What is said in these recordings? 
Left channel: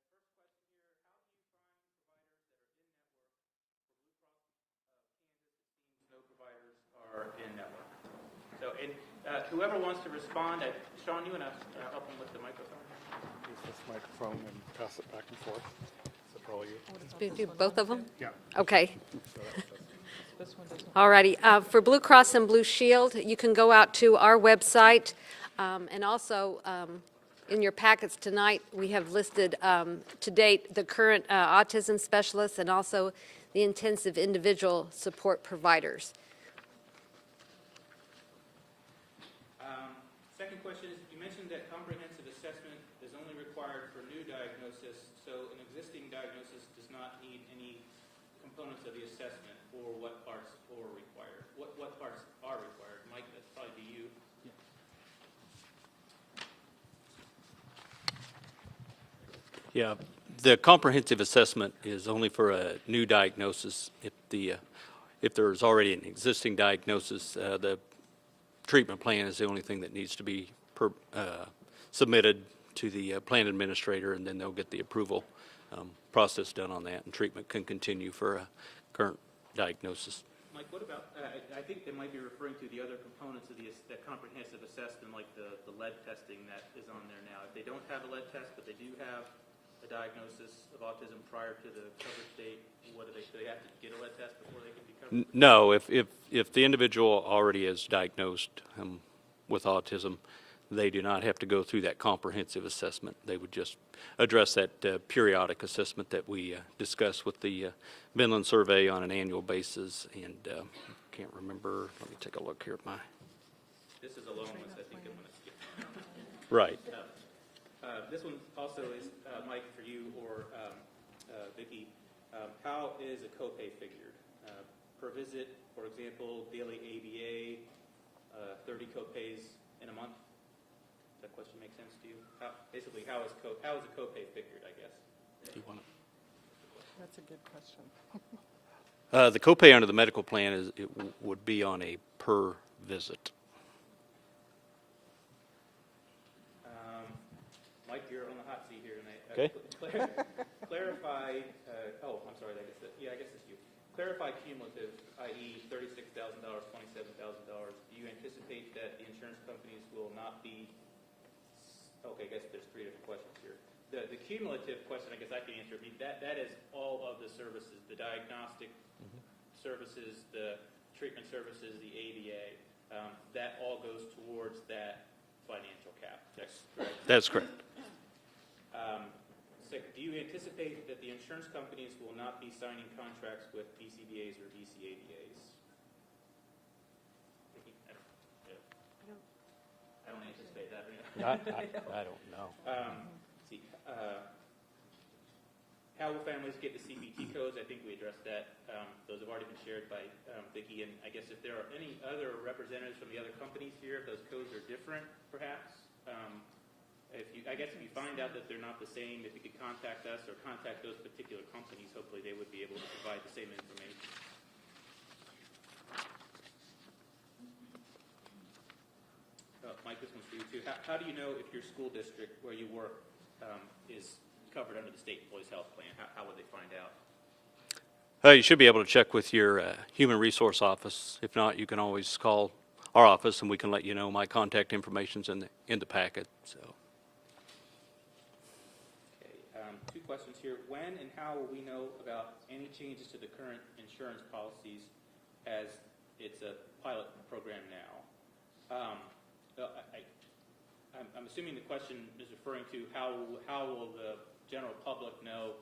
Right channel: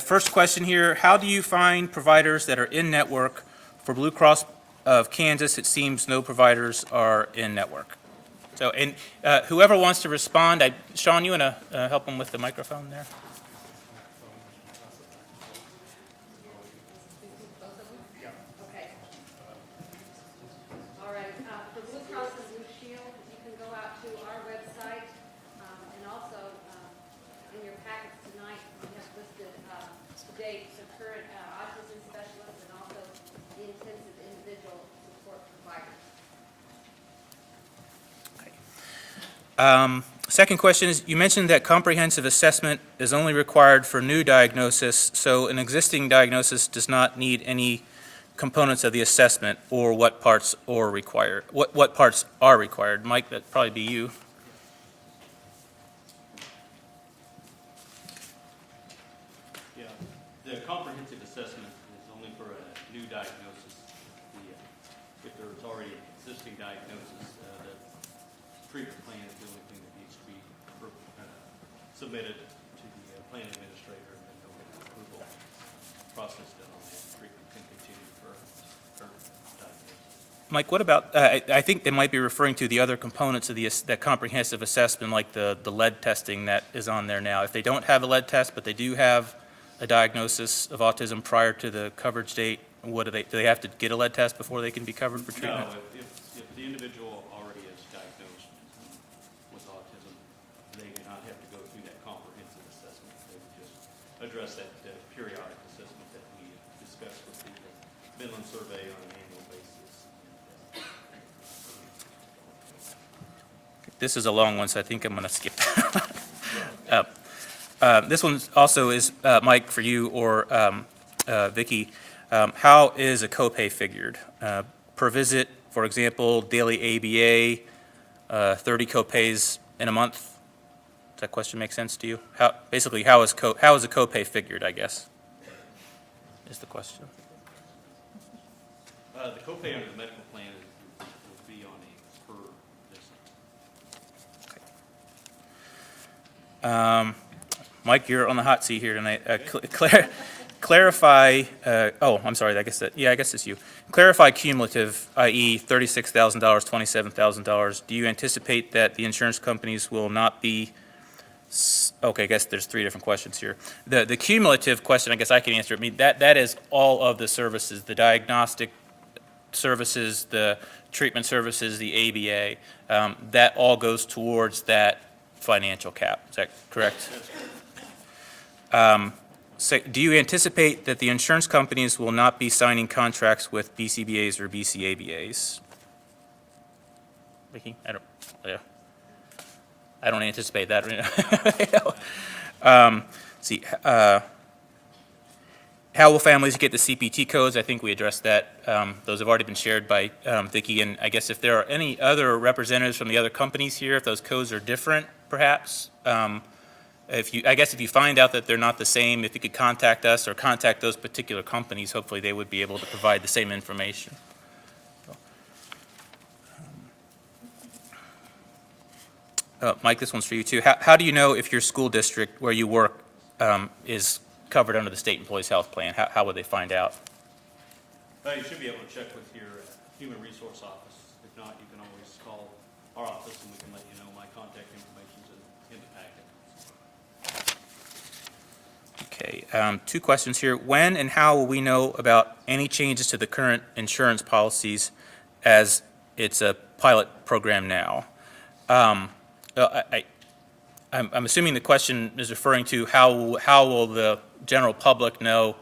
First question here, how do you find providers that are in-network? For Blue Cross of Kansas, it seems no providers are in-network. So, and whoever wants to respond, Sean, you want to help them with the microphone there? Microphone and pass it back and forth. Is that all you? Do both of them? Yeah. Okay. All righty. For Blue Cross and Blue Shield, you can go out to our website, and also in your packets tonight, we have listed to date the current autism specialists and also the intensive individual support providers. Second question is, you mentioned that comprehensive assessment is only required for new diagnosis, so an existing diagnosis does not need any components of the assessment, or what parts are required? What parts are required? Mike, that'd probably be you. Yeah, the comprehensive assessment is only for a new diagnosis. If there's already an existing diagnosis, the treatment plan is the only thing that needs to be submitted to the plan administrator, and then they'll get the approval process done on that, and treatment can continue for a current diagnosis. Mike, what about, I think they might be referring to the other components of that comprehensive assessment, like the lead testing that is on there now. If they don't have a lead test, but they do have a diagnosis of autism prior to the coverage date, do they have to get a lead test before they can be covered for treatment? No, if the individual already is diagnosed with autism, they do not have to go through that comprehensive assessment. They would just address that periodic assessment that we discuss with the Vinland survey on an annual basis. And can't remember, let me take a look here. This is a long one, so I think I'm going to skip. Right. This one also is, Mike, for you or Vicki. How is a copay figured? Per visit, for example, daily ABA, 30 copays in a month. Does that question make sense to you? Basically, how is a copay figured, I guess, is the question. The copay under the medical plan would be on a per visit. Mike, you're on the hot seat here tonight. Clarify, I'm sorry, I guess it's you. Clarify cumulative, i.e. $36,000, $27,000. Do you anticipate that the insurance companies will not be, okay, I guess there's three different questions here. The cumulative question, I guess I can answer. I mean, that is all of the services, the diagnostic services, the treatment services, the ABA. That all goes towards that financial cap. Is that correct? That's correct. So do you anticipate that the insurance companies will not be signing contracts with BCBAs or BCABAs? Vicki, I don't anticipate that right now. See, how will families get the CPT codes? I think we addressed that. Those have already been shared by Vicki, and I guess if there are any other representatives from the other companies here, if those codes are different, perhaps. If you find out that they're not the same, if you could contact us or contact those particular companies, hopefully they would be able to provide the same information. Mike, this one's for you too. How do you know if your school district where you work is covered under the state employees health plan? How would they find out? You should be able to check with your human resource office. If not, you can always call our office and we can let you know. My contact information's in the packet. So. Okay, two questions here. When and how will we know about any changes to the current insurance policies as it's a pilot program now? I'm assuming the question is referring to how will the general public know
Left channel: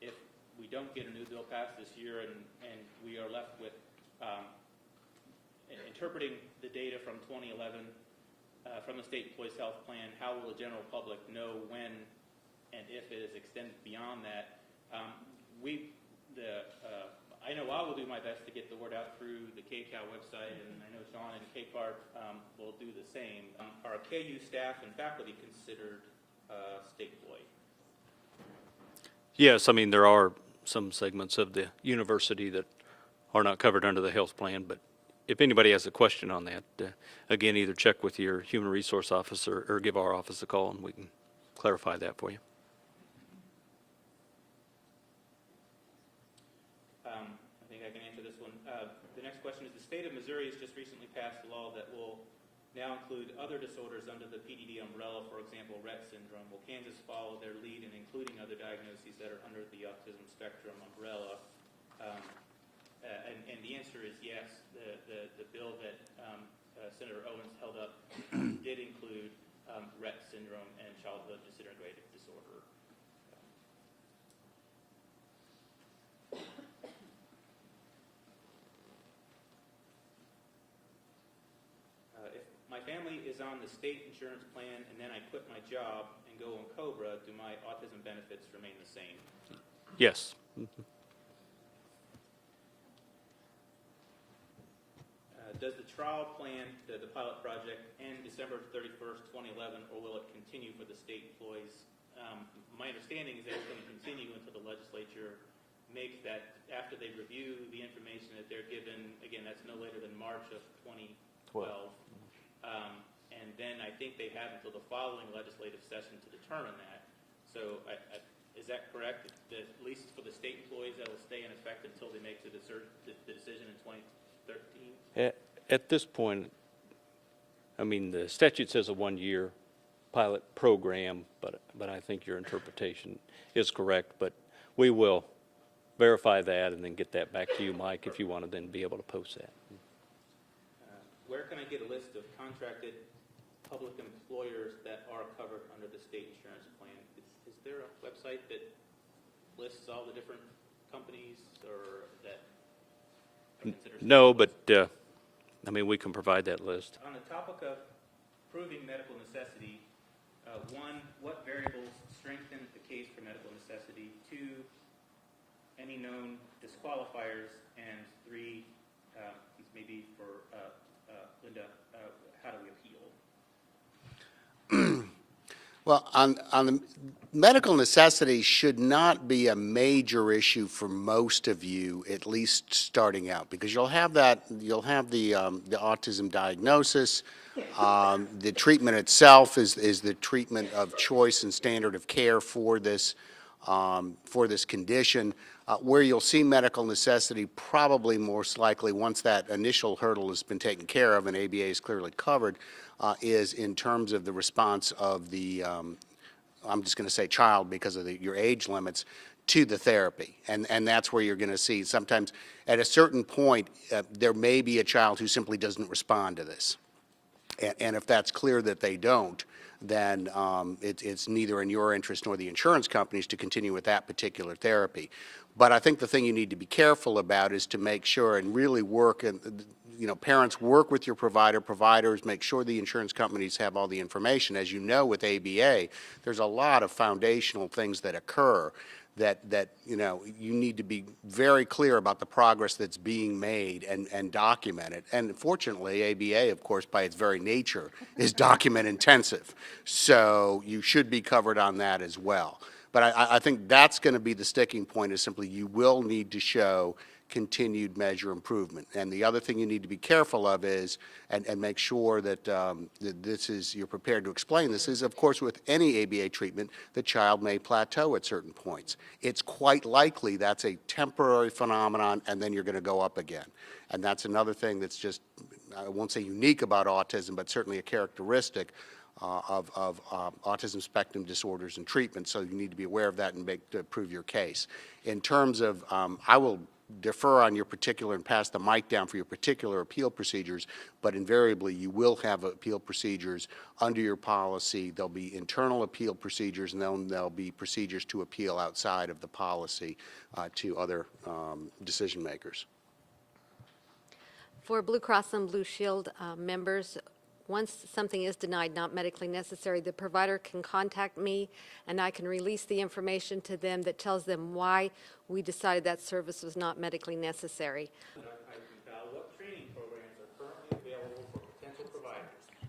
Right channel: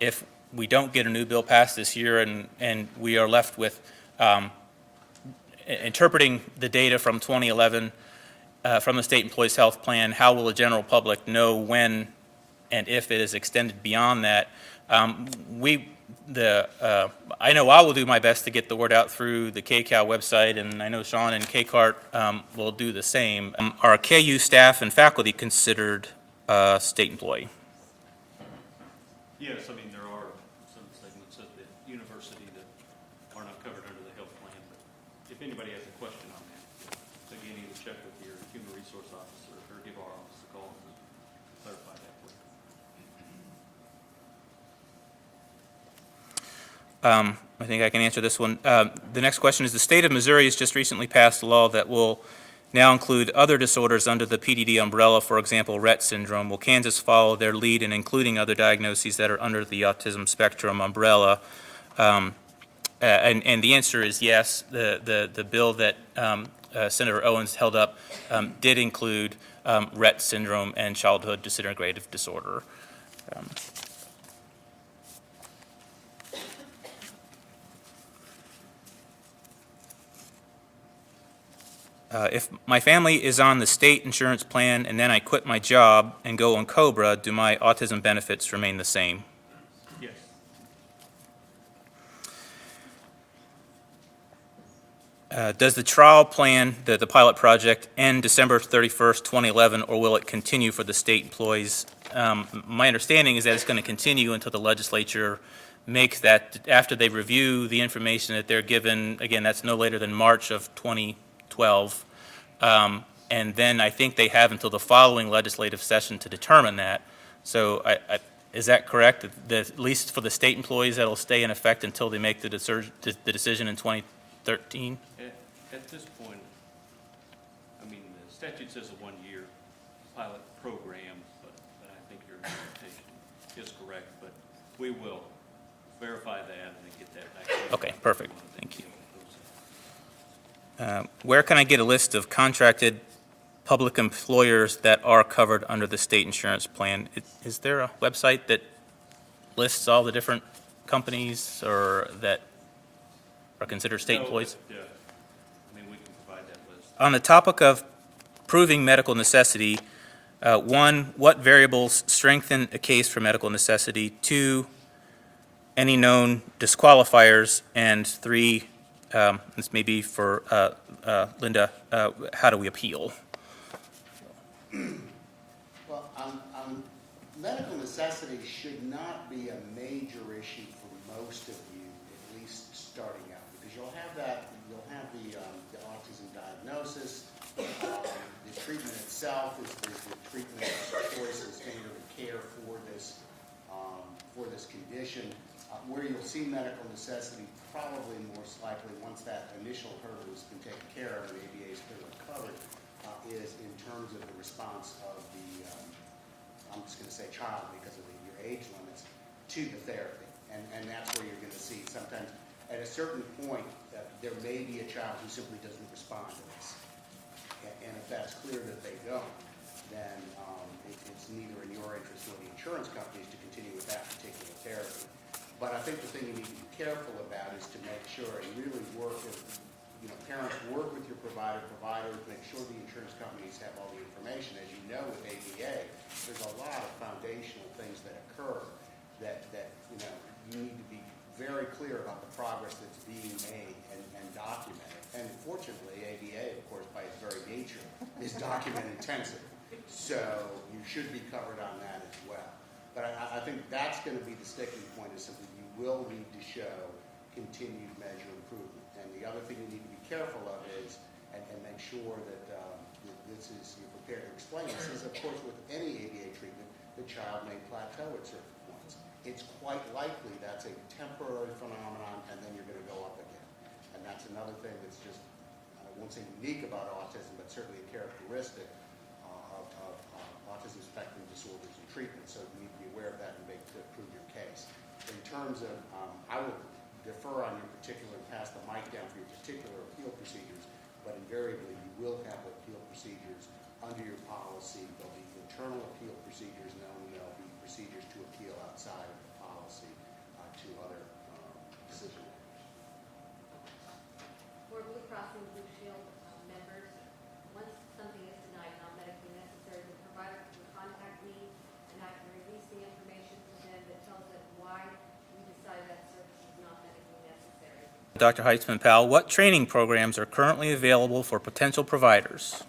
if we don't get a new bill passed this year and we are left with interpreting the data from 2011 from the state employees health plan. How will the general public know when and if it is extended beyond that? I know I will do my best to get the word out through the KCAL website, and I know Sean and KCART will do the same. Are KU staff and faculty considered state employee? Yes, I mean, there are some segments of the university that are not covered under the health plan, but if anybody has a question on that, again, either check with your human resource officer or give our office a call and we can clarify that for you. I think I can answer this one. The next question is, the state of Missouri has just recently passed a law that will now include other disorders under the PDD umbrella, for example, Rett syndrome. Will Kansas follow their lead in including other diagnoses that are under the autism spectrum umbrella? And the answer is yes. The bill that Senator Owens held up did include Rett syndrome and childhood disintegrative disorder. If my family is on the state insurance plan and then I quit my job and go on COBRA, do my autism benefits remain the same? Yes. Does the trial plan, the pilot project, end December 31st, 2011, or will it continue for the state employees? My understanding is that it's going to continue until the legislature makes that, after they review the information that they're given, again, that's no later than March of 2012. And then I think they have until the following legislative session to determine that. So is that correct, that at least for the state employees, that'll stay in effect until they make the decision in 2013? At this point, I mean, the statute says a one-year pilot program, but I think your interpretation is correct. But we will verify that and then get that back to you, Okay, Mike, perfect. if you want to then be able to post that. Where can I get a list of contracted public employers that are covered under the state insurance plan? Is there a website that lists all the different companies or that are considered state No, employees? but, I mean, we can provide that list. On the topic of proving medical necessity, one, what variables strengthen a case for medical necessity? Two, any known disqualifiers? And three, this may be for Linda, how do we appeal? Well, on the medical necessity should not be a major issue for most of you, at least starting out, because you'll have the autism diagnosis. The treatment itself is the treatment of choice and standard of care for this condition. Where you'll see medical necessity probably most likely, once that initial hurdle has been taken care of and ABA is clearly covered, is in terms of the response of the, I'm just going to say child because of your age limits, to the therapy. And that's where you're going to see sometimes at a certain point, there may be a child who simply doesn't respond to this. And if that's clear that they don't, then it's neither in your interest nor the insurance companies to continue with that particular therapy. But I think the thing you need to be careful about is to make sure and really work, and parents work with your providers, make sure the insurance companies have all the information. As you know, with ABA, there's a lot of foundational things that occur that you need to be very clear about the progress that's being made and documented. And fortunately, ABA, of course, by its very nature, is document intensive. So you should be covered on that as well. But I think that's going to be the sticking point, is simply you will need to show continued measure improvement. And the other thing you need to be careful of is, and make sure that, you're prepared to explain this, is of course with any ABA treatment, the child may plateau at certain points. It's quite likely that's a temporary phenomenon and then you're going to go up again. And that's another thing that's just, I won't say unique about autism, but certainly a characteristic of autism spectrum disorders and treatment. So you need to be aware of that and to prove your case. In terms of, I will defer on your particular and pass the mic down for your particular appeal procedures, but invariably you will have appeal procedures under your policy. There'll be internal appeal procedures, and then there'll be procedures to appeal outside of the policy to other decision makers. For Blue Cross and Blue Shield members, once something is denied not medically necessary, the provider can contact me and I can release the information to them that tells them why we decided that service was not medically necessary. Dr. Heitzman-Powell, what training programs are currently available for potential providers?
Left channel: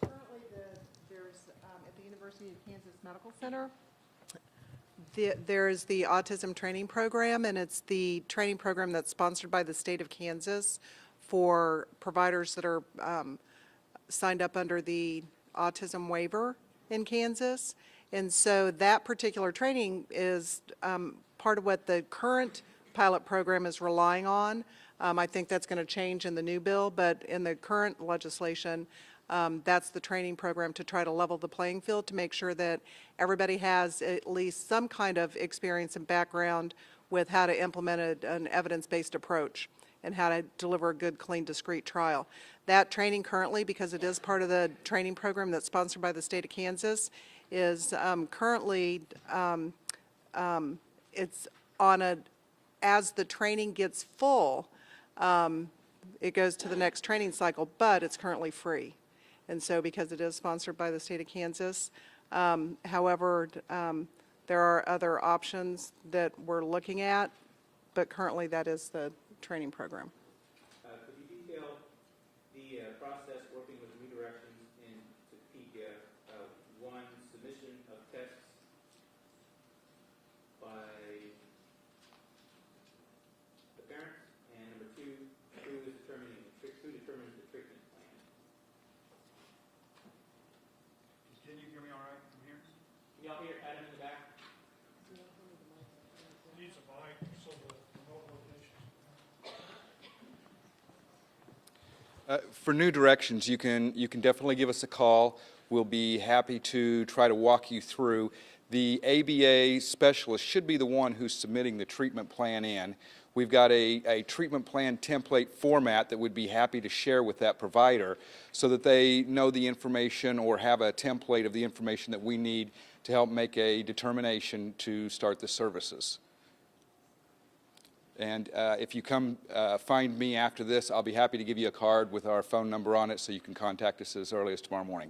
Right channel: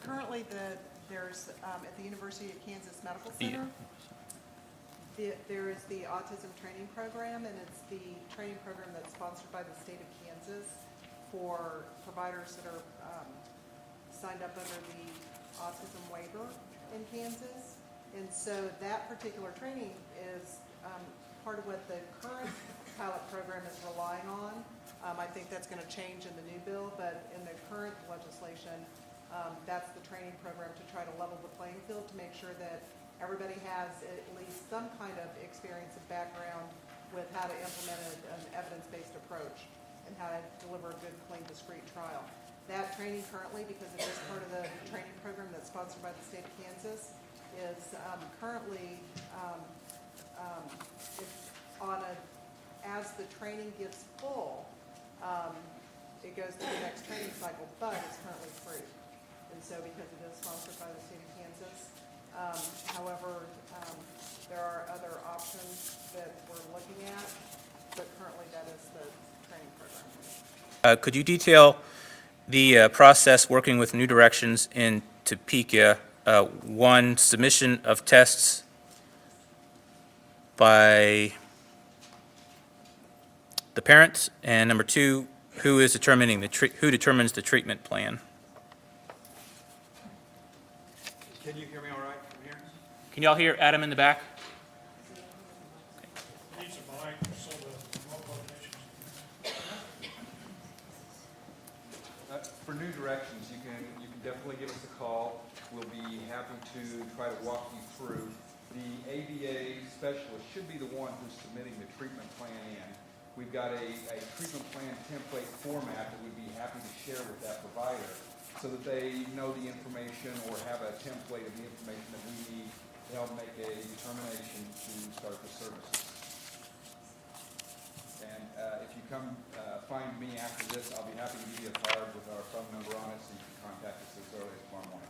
Currently, there's at the University of Kansas Medical Center, there is the autism training program, and it's the training program that's sponsored by the state of Kansas for providers that are signed up under the autism waiver in Kansas. And so that particular training is part of what the current pilot program is relying on. I think that's going to change in the new bill, but in the current legislation, that's the training program to try to level the playing field, to make sure that everybody has at least some kind of experience and background with how to implement an evidence-based approach and how to deliver a good, clean, discrete trial. That training currently, because it is part of the training program that's sponsored by the state of Kansas, is currently, it's on a, as the training gets full, it goes to the next training cycle, but it's currently free. And so because it is sponsored by the state of Kansas, however, there are other options that we're looking at, but currently that is the training program. Could you detail the process working with New Directions in Topeka? One, submission of tests by the parents, and number two, who is determining who determines the treatment plan? Can you hear me all right from here? Can y'all hear Adam in the back? Needs a mic so the remote locations. For New Directions, you can definitely give us a call. We'll be happy to try to walk you through. The ABA specialist should be the one who's submitting the treatment plan in. We've got a treatment plan template format that we'd be happy to share with that provider so that they know the information or have a template of the information that we need to help make a determination to start the services. And if you come find me after this, I'll be happy to give you a card with our phone number on it so you can contact us as early as tomorrow morning.